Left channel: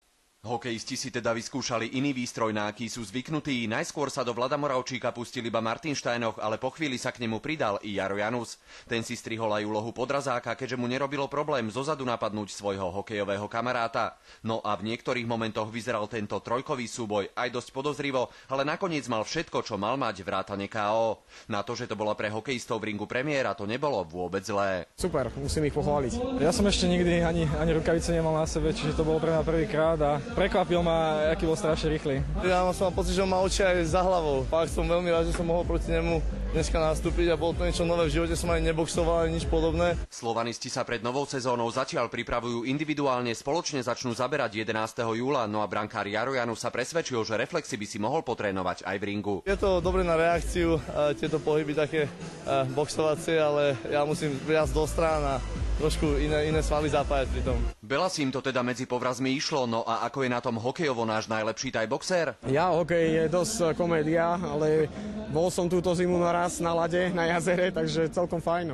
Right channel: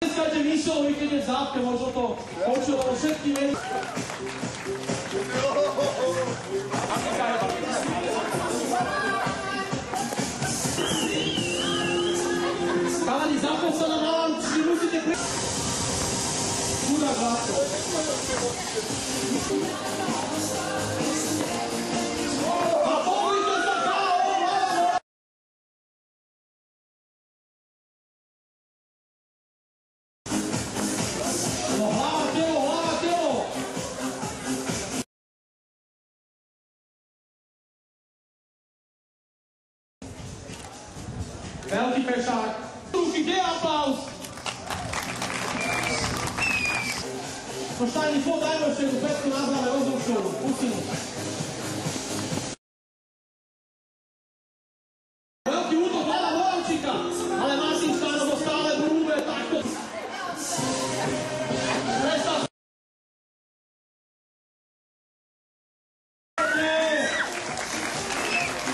Hokejisti si teda vyskúšali iný výstroj na aký sú zvyknutí. Najskôr sa do Vlada Moravčíka pustil iba Martin Štajnov, ale po chvíli sa k nemu pridal Jaro Janus. Ten si strihol aj úlohu podrazáka, keď mu nerobilo problém dozadu napadnúť svojho hokejového kamaráta. No a v niektorých momentoch vyzeral tento trojkový súboj aj dosť podozrivo, ale nakoniec mal všetko, čo mal mať vrátane KO. Na to, že to bola pre hokejistov Bringu premiéra, to nebolo vôbec zlé. Super, musím ich pochváliť. Ja som ešte nikdy ani rukavice nemal na sebe, čiže to bolo pre mňa prvýkrát a prekvapil ma, aký bol strašne rýchly. Ja som pocit, že mal oči aj za hlavou. Fakt som veľmi rád, že som mohol proti nemu dneska nastúpiť a bolo to niečo nové. V živote som aj neboxoval, ani nič podobné. Slovanisti sa pred novou sezónou zatiaľ pripravujú individuálne, spoločne začnú zaberať 11. júla, no a brankár Jaro Janus sa presvedčil, že reflexy by si mohol potrénovať aj v ringu. Je to dobré na reakciu, tieto pohyby také boxovacie, ale ja musím viac do strán a trošku iné s vami zapájať. Veľa si im to teda medzi povrazmi išlo, no a ako je na tom hokejovo náš najlepší aj boxer? Ja, hokej je dosť komédia, ale bol som túto zimu naraz na lade, na jazere, takže celkom fajn.